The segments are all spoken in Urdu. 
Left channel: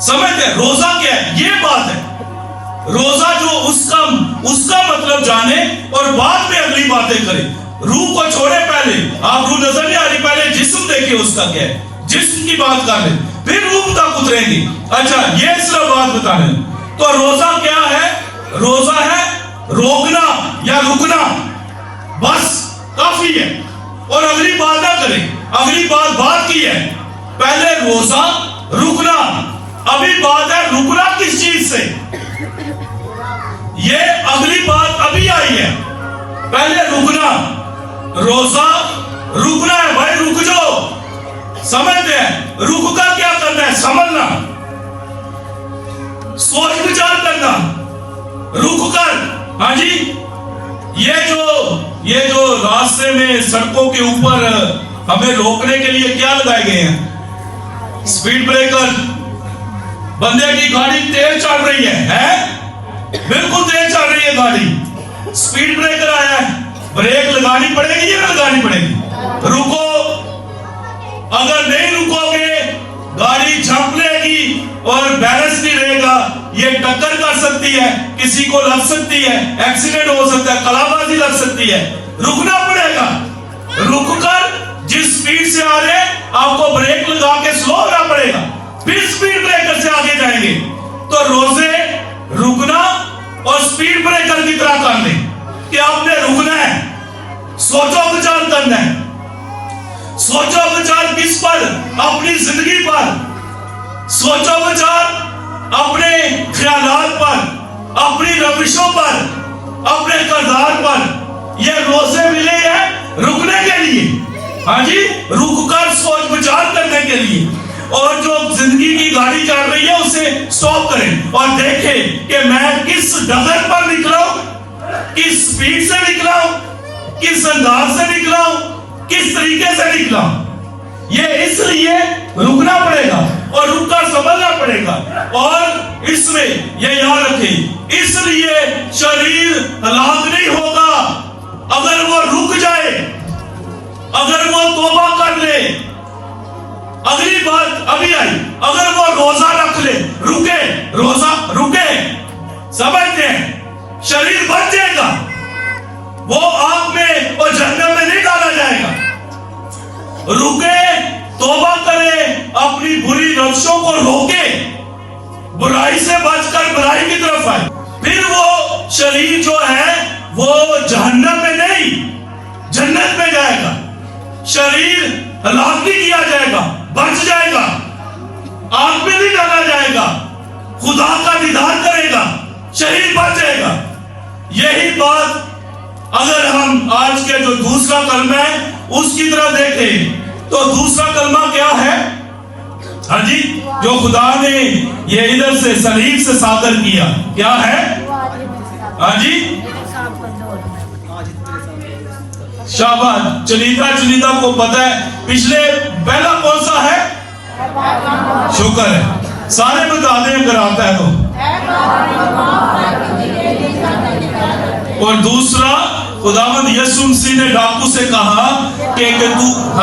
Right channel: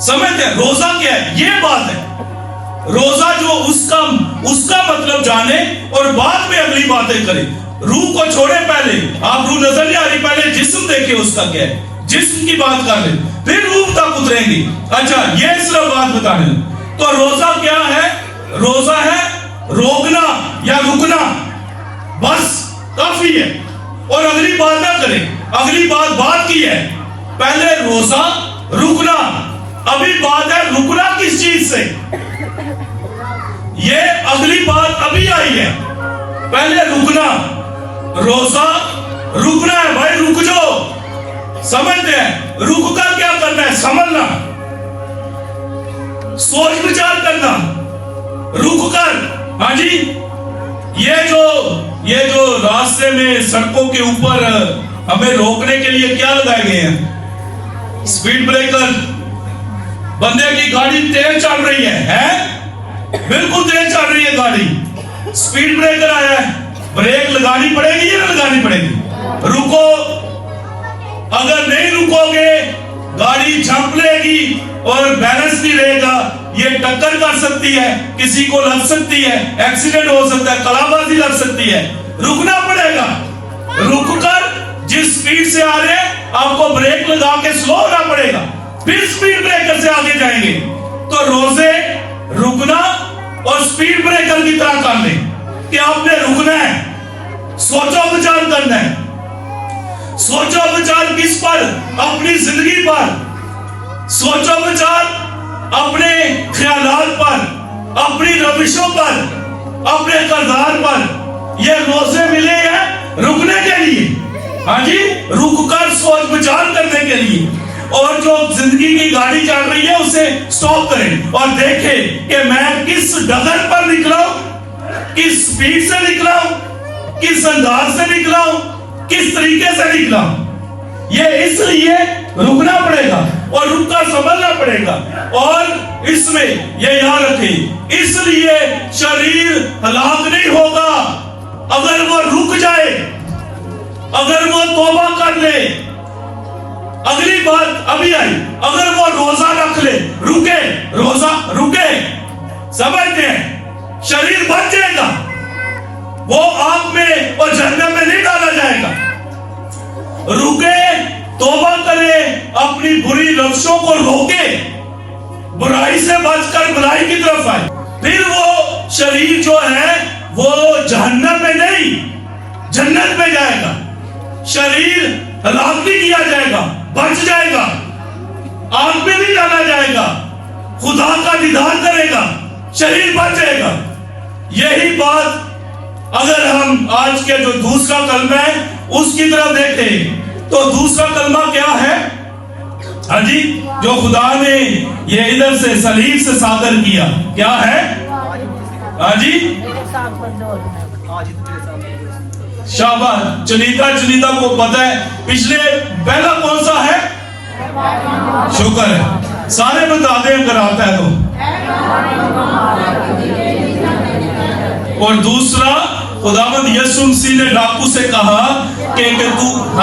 سمجھتے ہیں روزہ کیا ہے؟ یہ بات ہے روزہ جو اس کا مطلب جانے اور بعد میں اگلی باتیں کرے. روح کو چھوڑے پہلے, آپ روح نظر نہیں آ رہی, پہلے جسم دیکھیں اس کا کیا ہے, جسم کی بات کر لیں, پھر روح تک اتریں گے. اچھا یہ صرف بات بتائیں. تو روزہ کیا ہے؟ روزہ ہے روکنا یا رکنا, بس کافی ہے. اور اگلی بات نہ کریں, اگلی بات کی ہے. پہلے روزہ رکنا, ابھی بات ہے رکنا کس چیز سے, یہ اگلی بات ابھی آئی ہے. پہلے رکنا, روزہ رکنا ہے بھائی, رک جاؤ. سمجھتے ہیں رک کر کیا کرنا ہے؟ سمجھنا, سوچ وچار کرنا, رک کر. ہاں جی, یہ جو راستے میں سڑکوں کے اوپر ہمیں روکنے کے لیے کیا لگائے گئے ہیں؟ Speed breaker. بندے کی گاڑی تیز چل رہی ہے, بالکل تیز چل رہی ہے گاڑی, سپیڈ بریکر آیا ہے, بریک لگانی پڑے گی یا نہیں لگانی پڑے گی؟ رکو, اگر نہیں رکو گے گاڑی جھنپ لے گی اور بیلنس نہیں رہے گا, یہ ٹکر کر سکتی ہے, کسی کو لگ سکتی ہے, ایکسیڈنٹ ہو سکتا ہے, کلابازی لگ سکتی ہے. رکنا پڑے گا, رک کر جس سپیڈ سے آ رہے آپ کو بریک لگا کے سلو ہونا پڑے گا, پھر سپیڈ بریکر سے آگے جائیں گے. تو روزے رکنا اور سپیڈ بریکر کی طرح کر لیں کہ آپ نے رکنا ہے, سوچو بچار کرنا ہے. سوچو بچار کس پر؟ اپنی زندگی پر. سوچو بچار اپنے خیالات پر, اپنی روشوں پر, اپنے کردار پر. یہ روزے ملے ہیں رکنے کے لیے, ہاں جی, رک کر سوچ بچار کرنے کے لیے. اور جو زندگی کی گاڑی چل رہی ہے اسے سٹاپ کریں اور دیکھیں کہ میں کس ڈگر پر نکلا ہوں, کس سپیڈ سے نکلا ہوں, کس انداز سے نکلا ہوں, کس طریقے سے نکلا ہوں. یہ اس لیے رکنا پڑے گا اور رک کر سمجھنا پڑے گا. اور اس میں یہ یاد رکھیں, اس لیے شریر ہلاک نہیں ہوگا اگر وہ رک جائے, اگر وہ توبہ کر لے. اگلی بات ابھی آئی, اگر وہ روزہ رکھ لے, رکے, روزہ رکے, سمجھتے ہیں شریر بچ جائے گا, وہ آگ میں اور جہنم میں نہیں ڈالا جائے گا. رکے, توبہ کرے, اپنی بری روشوں کو روکے, برائی سے بچ کر برائی کی طرف آئے. پھر وہ شریر جو ہے وہ جہنم میں نہیں جنت میں جائے گا. شریر ہلاک نہیں کیا جائے گا, بچ جائے گا, آگ میں نہیں ڈالا جائے گا, خدا کا دیدار کرے گا, شریر بچ جائے گا. یہی بات اگر ہم آج کے جو دوسرا کلمہ ہے اس کی طرف دیکھیں تو دوسرا کلمہ کیا ہے؟ ہاں جی, جو خدا نے یہ ادھر سے صلیب سے صادر کیا, کیا ہے؟ ہاں جی, شاباش. چنیدہ کو پتہ ہے پچھلے پہلا کون سا ہے؟ شکر ہے, سارے بتا دیں اگر آتا ہے تو. اور دوسرا خداوند یسوع مسیح نے ڈاکو سے کہا کہ تو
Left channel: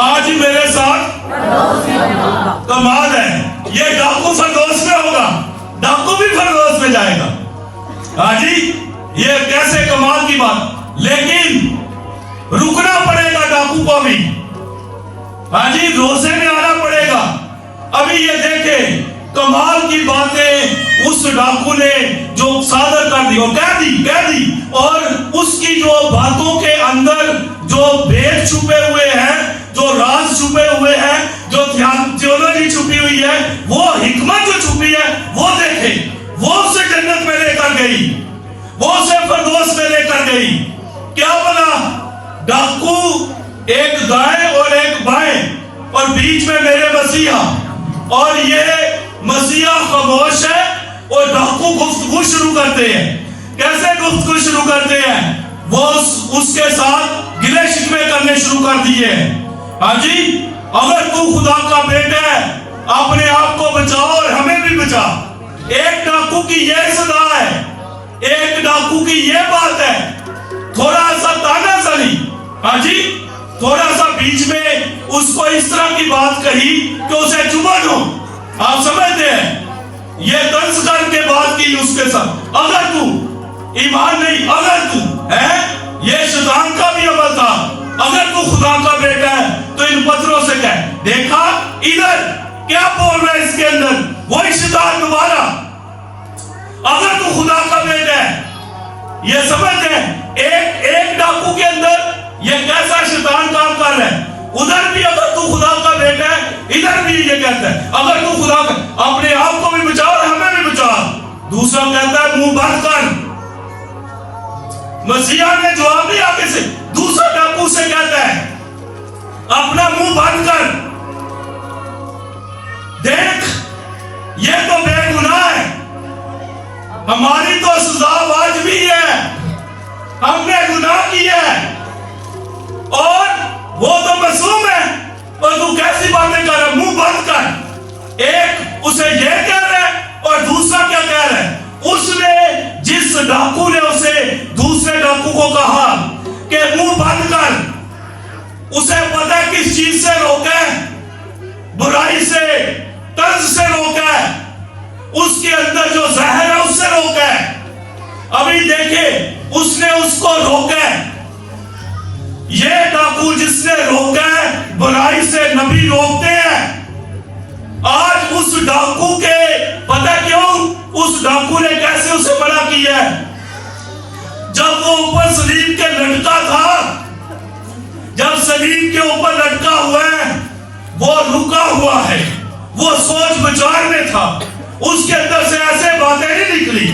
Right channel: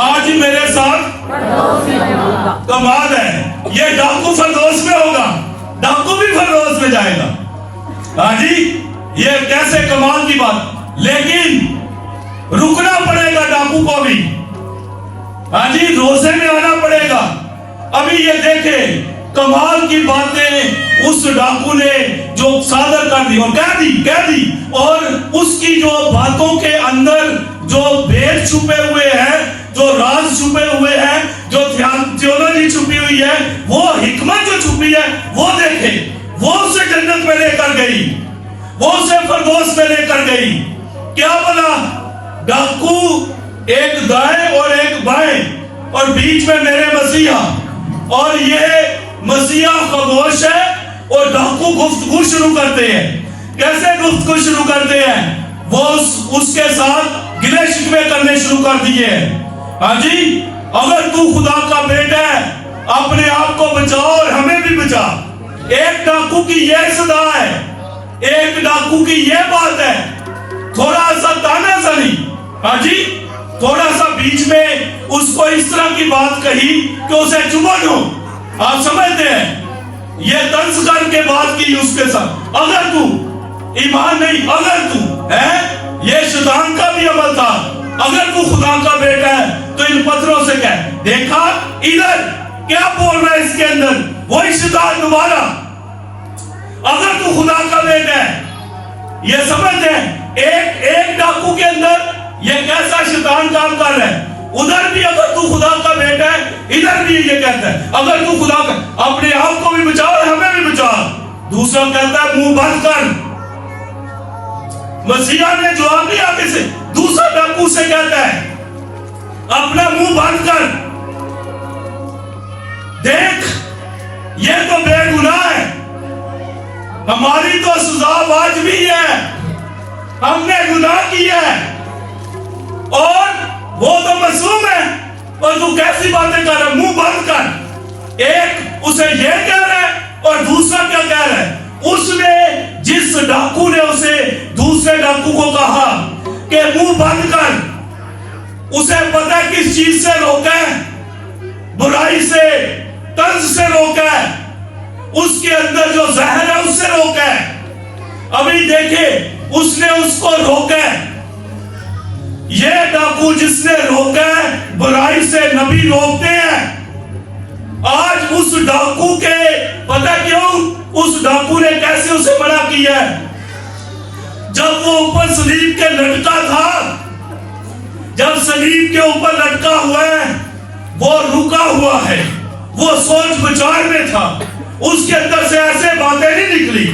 آج میرے ساتھ کمال ہے. یہ ڈاکو فردوس میں ہوگا, ڈاکو بھی فردوس میں جائے گا. ہاں جی, یہ کیسے کمال کی بات. لیکن رکنا پڑے گا ڈاکو کو بھی, ہاں جی, روزے میں آنا پڑے گا. ابھی یہ دیکھیں کمال کی باتیں اس ڈاکو نے جو صادر کر دی, کہہ دی, اور اس کی جو باتوں کے اندر جو بھید چھپے ہوئے ہیں, جو راز چھپے ہوئے ہیں, جو تھیولوجی چھپی ہوئی ہے, وہ حکمت جو چھپی ہے وہ دیکھیں. وہ اسے جنت میں لے کر گئی, وہ اسے فردوس میں لے کر گئی. کیا بنا؟ ڈاکو ایک دائیں اور ایک بائیں, اور بیچ میں میرے مسیحا, اور یہ مسیحا خاموش ہے اور ڈاکو گفتگو شروع کرتے ہیں. کیسے گفتگو شروع کرتے ہیں؟ وہ اس کے ساتھ گلے شکوے کرنے شروع کر دیے. ہاں جی, اگر تو خدا کا بیٹا ہے اپنے آپ کو بچاؤ اور ہمیں بھی بچا. ایک ڈاکو کی یہ صدا ہے, ایک ڈاکو کی یہ بات ہے, تھوڑا سا تانا زنی. ہاں جی, تھوڑا سا بیچ میں اس کو اس طرح کی بات کہی کہ اسے چبھن ہو. آپ سمجھتے ہیں یہ طنز کر کے بات کی اس کے ساتھ. اگر تو ایمان نہیں، اگر تو ہے، یہ شیطان کا بھی عمل تھا، اگر تو خدا کا بیٹا ہے تو ان پتھروں سے کہہ. دیکھا ادھر کیا بول رہے اس کے اندر، وہی شیطان دوبارہ. اگر تو خدا کا بیٹا ہے، یہ سمجھتے ہیں ایک ڈاکو کے اندر یہ کیسا شیطان کام کر رہے ہیں. ادھر بھی اگر تو خدا کا بیٹا ہے، ادھر بھی یہ کہتا ہے اگر تو خدا کا، اپنے آپ کو بھی بچا اور ہمیں بھی بچا. دوسرا کہتا ہے منہ بند کر. مسیح نے جواب دیا آگے سے، دوسرا ڈاکو سے کہتا ہے اپنا منہ بند کر. دیکھ یہ تو بے گناہ ہے، ہماری تو سزا واجبی ہے، ہم نے گناہ کیا ہے اور وہ تو معصوم ہے، اور تو کیسی باتیں کر رہا ہے، منہ بند کر. ایک اسے یہ کہہ رہا ہے اور دوسرا کیا کہہ رہا ہے. اس نے جس ڈاکو نے اسے دوسرے ڈاکو کو کہا کہ منہ بند کر، اسے پتہ ہے کس چیز سے روکا ہے، برائی سے، طنز سے روکا ہے، اس کے اندر جو زہر ہے اس سے روکا ہے. ابھی دیکھیں اس نے اس کو روکا ہے. یہ ڈاکو جس نے روکا ہے، برائی سے نبی روکتے ہیں. آج اس ڈاکو کے پتہ کیوں اس ڈاکو نے کیسے اسے منع کیا ہے. جب وہ اوپر صلیب کے لٹکا تھا، جب صلیب کے اوپر لٹکا ہوا ہے، وہ رکا ہوا ہے، وہ سوچ بچار میں تھا. اس کے اندر سے ایسے باتیں نہیں نکلی،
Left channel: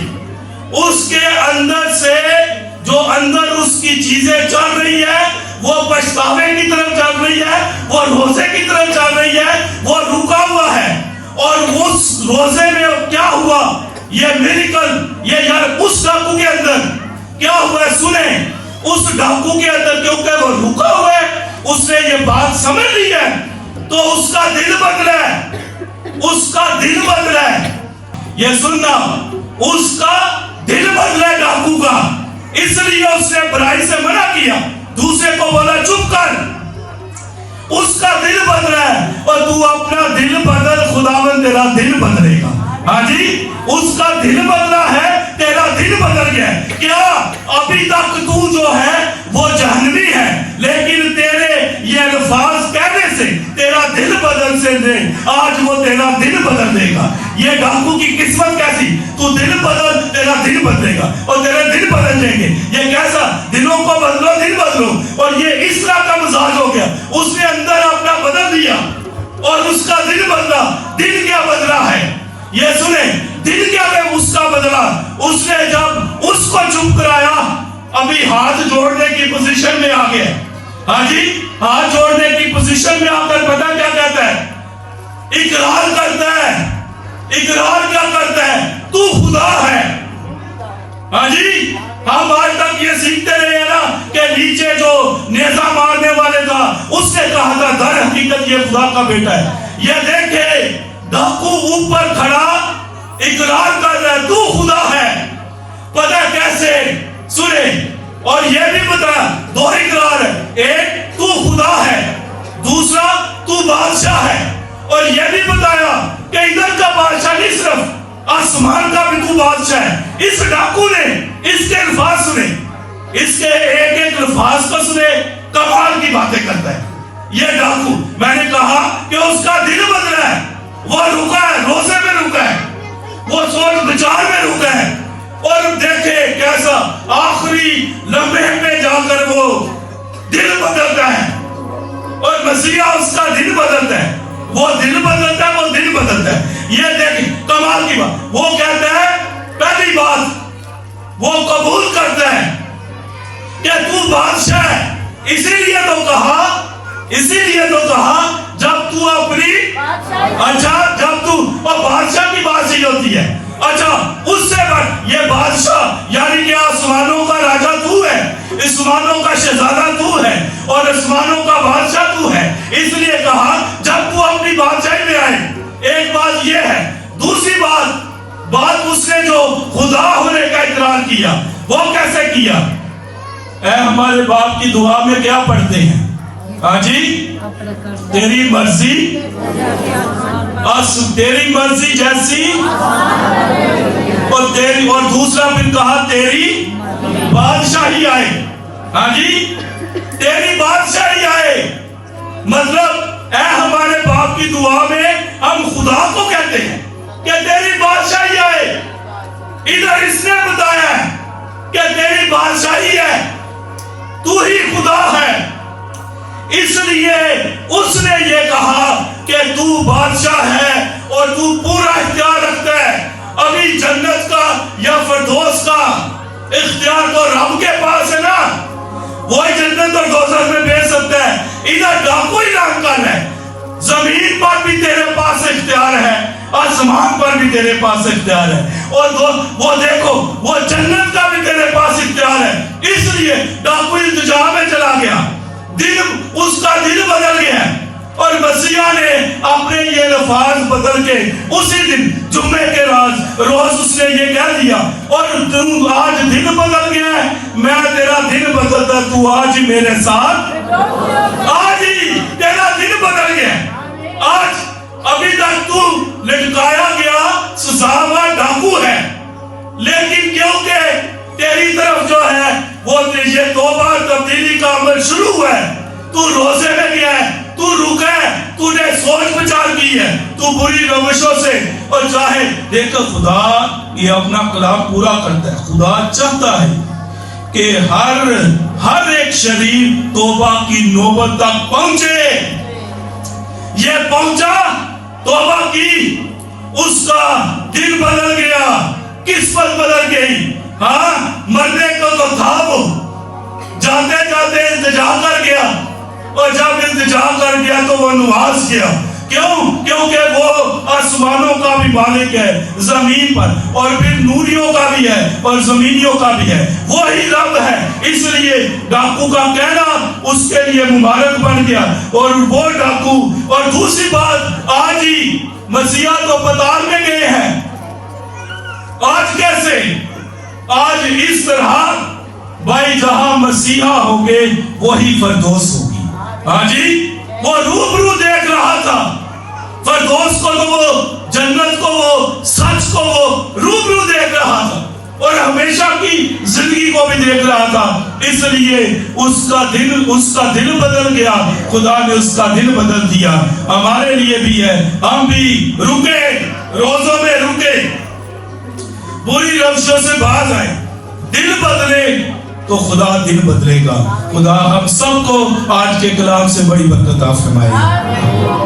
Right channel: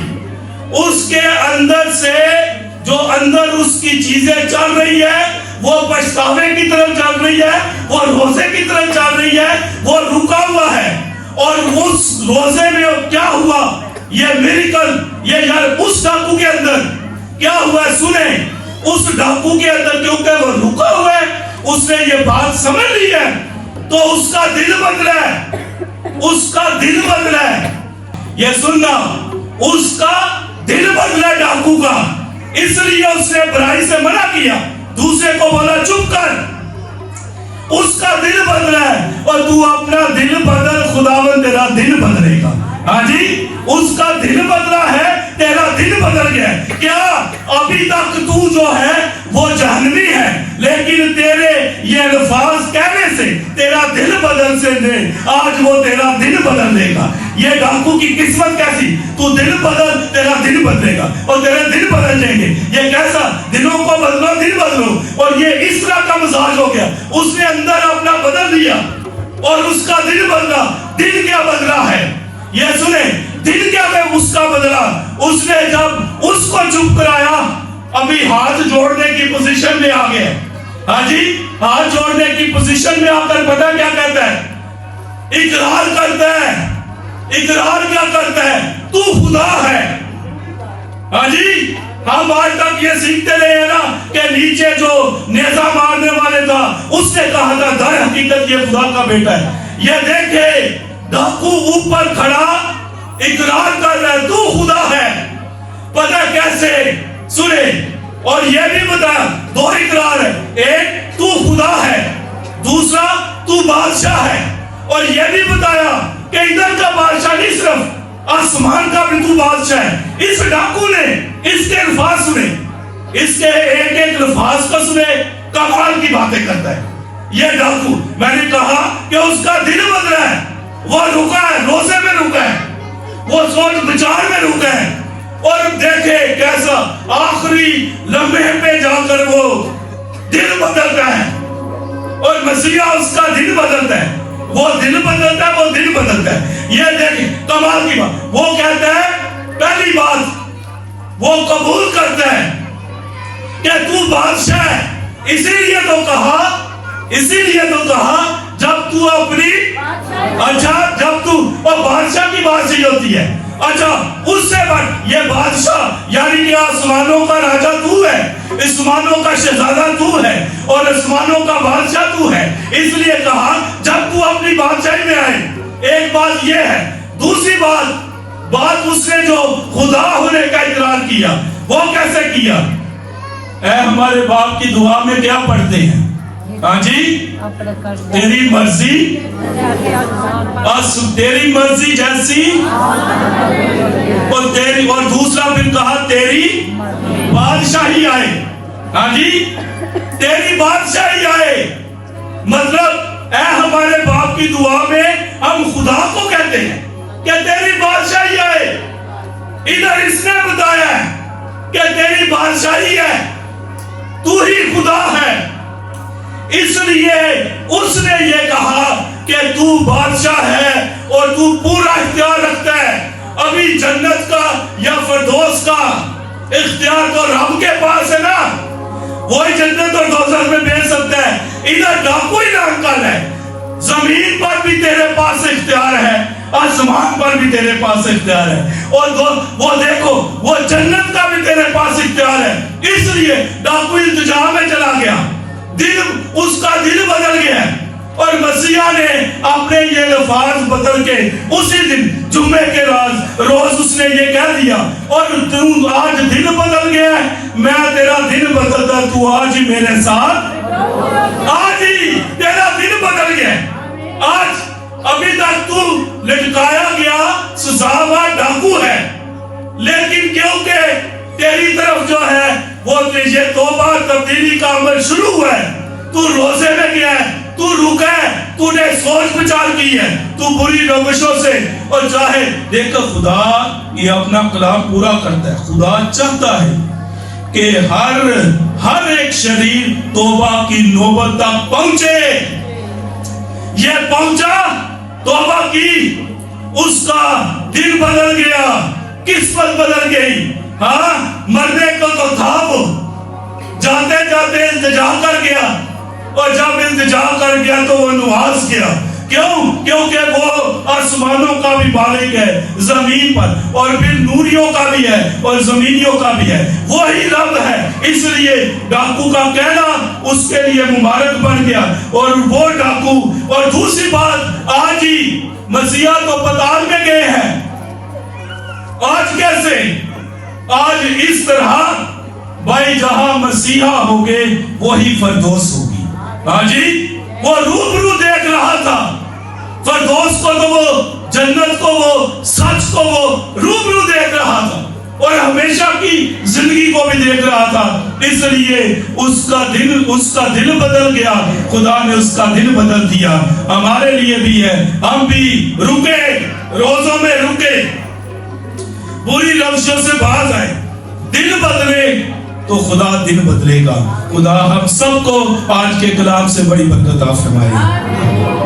اس کے اندر سے جو اندر اس کی چیزیں چل رہی ہے وہ پچھتاوے کی طرف چل رہی ہے، وہ روزے کی طرف چل رہی ہے. وہ رکا ہوا ہے اور اس روزے میں کیا ہوا، یہ میریکل، یہ یار اس ڈاکو کے اندر کیا ہوا ہے سنیں. اس ڈاکو کے اندر کیونکہ وہ رکا ہوا ہے، اس نے یہ بات سمجھ لی ہے تو اس کا دل بدلا ہے، اس کا دل بدلا ہے. یہ سننا، اس کا دل بدلا ہے ڈاکو کا، اس لیے اس نے برائی سے منع کیا. دوسرے کو بولا چپ کر. اس کا دل بدلا ہے اور تو اپنا دل بدل، خداوند تیرا دل بدلے گا. ہاں جی، اس کا دل بدلا ہے، تیرا دل بدل گیا ہے. کیا ابھی تک تو جو ہے وہ جہنمی ہے، لیکن تیرے یہ الفاظ کہنے سے تیرا دل بدل سے دے، آج وہ تیرا دل بدل دے گا. یہ ڈاکو کی قسمت کیسی، تو دل بدل، تیرا دل بدلے گا اور تیرے دل بدل جائیں گے. یہ کیسا، دلوں کو بدلو، دل بدلو. اور یہ اس طرح کا مزاج ہو گیا، اس نے اندر اپنا بدل دیا اور اس کا دل بدلا. دل کیا بدلا ہے یہ سنیں، دل کیا ہے اس کا بدلا. اس نے جب اس کو چپ کرایا، ابھی ہاتھ جوڑنے کی پوزیشن میں آ گئے. ہاں جی، ہاتھ جوڑنے کی پوزیشن میں آ کر پتہ کیا کہتا ہے، اقرار کرتا ہے. اقرار کیا کرتا ہے، تو خدا ہے. ہاں جی، ہم آج تک یہ سیکھتے رہے ہیں نا کہ نیچے جو نیزہ مارنے والے تھا اس نے کہا تھا در حقیقت یہ خدا کا بیٹا ہے. یہ دیکھے ڈاکو اوپر کھڑا اقرار کر رہا ہے تو خدا ہے. پتہ کیسے سنے، اور یہ بھی بتا دو اقرار ہے، ایک تو خدا ہے، دوسرا تو بادشاہ ہے. اور یہ بھی بتایا کہ ادھر کا بادشاہ نہیں، صرف آسمان کا بھی تو بادشاہ ہے. اس ڈاکو نے اس کے الفاظ سنے، اس کے ایک ایک الفاظ کو سنے، کمال کی باتیں کرتا ہے یہ ڈاکو. میں نے کہا کہ اس کا دل بدلا ہے، وہ رکا ہے، روزے میں رکا ہے، وہ سوچ بچار میں رکا ہے. اور دیکھے کیسا آخری لمحے پہ جا کر وہ دل بدلتا ہے اور مسیح اس کا دل بدلتا ہے. وہ دل بدلتا ہے، وہ دل بدلتا ہے. یہ دیکھیں کمال کی بات. وہ کہتا ہے پہلی بات وہ قبول کرتا ہے کہ تو بادشاہ ہے. اسی لیے تو کہا جب تو اپنی، اچھا جب تو، اور بادشاہ کی بات صحیح ہوتی ہے. اچھا اس سے بڑھ یہ بادشاہ یعنی کہ آسمانوں کا راجہ تو ہے، آسمانوں کا شہزادہ تو ہے اور آسمانوں کا بادشاہ تو ہے. اس لیے کہا جب تو اپنی بادشاہی میں آئے. ایک بات یہ ہے. دوسری بات اس نے جو خدا ہونے کا اقرار کیا، وہ کیسے کیا؟ اے ہمارے باپ کی دعا میں کیا پڑھتے ہیں؟ ہاں جی تیری مرضی تیری مرضی جیسی اور دوسرا پھر کہا تیری بادشاہی آئے. ہاں جی تیری بادشاہی آئے مطلب اے ہمارے باپ کی دعا میں ہم خدا کو کہتے ہیں کہ تیری بادشاہی آئے. ادھر اس نے بتایا ہے کہ تیری بادشاہی ہے, تو ہی خدا ہے. اس لیے اس نے یہ کہا کہ تو بادشاہ ہے اور تو پورا اختیار رکھتا ہے. ابھی جنت کا یا فردوس کا اختیار تو رب کے پاس ہے نا, وہی جنت اور دوزخ میں بھیج سکتا ہے. ادھر ڈاکو ہی ناکل ہے. زمین پر بھی تیرے پاس اختیار ہے, آسمان پر بھی تیرے پاس اختیار ہے, اور وہ دیکھو وہ جنت کا بھی تیرے پاس اختیار ہے. اس لیے ڈاکو التجا میں چلا گیا, اس کا دل بدل گیا, اور مسیح نے اپنے یہ لفظ بدل کے اسی دن جمعے کے روز اس نے یہ کہہ دیا, اور تم آج دل بدل گیا ہے, میں تیرا دل بدلتا, تو آج ہی میرے ساتھ, آج ہی تیرا دل بدل گیا. آج ابھی تک تو لٹکایا گیا سزاوار ڈاکو ہے, لیکن کیونکہ تیری طرف جو ہے وہ یہ توبہ تبدیلی کا عمل شروع ہوا ہے, تو روزے میں گیا ہے, تو رکا ہے, تو نے سوچ بچار کی ہے, تو بری روشوں سے, اور چاہے دیکھ خدا یہ اپنا کلام پورا کرتا ہے. خدا چاہتا ہے کہ ہر ایک شریر توبہ کی نوبت تک پہنچے. یہ پہنچا, توبہ کی, اس کا دل بدل گیا, قسمت بدل گئی. ہاں مرنے کو تو تھا, وہ جاتے جاتے التجا کر گیا, اور جب التجا کر گیا تو وہ نواز گیا. کیوں؟ کیونکہ وہ آسمانوں کا بھی مالک ہے, زمین پر, اور پھر نوریوں کا بھی ہے اور زمینیوں کا بھی ہے, وہی رب ہے. اس لیے ڈاکو کا کہنا اس کے لیے مبارک بن گیا, اور وہ ڈاکو. اور دوسری بات, آج ہی مسیح تو پتال میں گئے ہیں. آج کیسے؟ آج اس طرح بھائی جہاں مسیحا ہوگے وہی فردوس ہوگی. ہاں جی وہ روبرو دیکھ رہا تھا فردوس کو, تو وہ جنت کو, وہ سچ کو وہ روبرو دیکھ رہا تھا, اور ہمیشہ کی زندگی کو بھی دیکھ رہا تھا. اس لیے اس کا دل بدل گیا, خدا نے اس کا دل بدل دیا. ہمارے لیے بھی ہے, ہم بھی رکے, روزوں میں رکے, بری روشوں سے باز آئے, دل بدلے تو خدا دل بدلے گا. خدا ہم سب کو آج کے کلام سے بڑی برکت عطا فرمائے.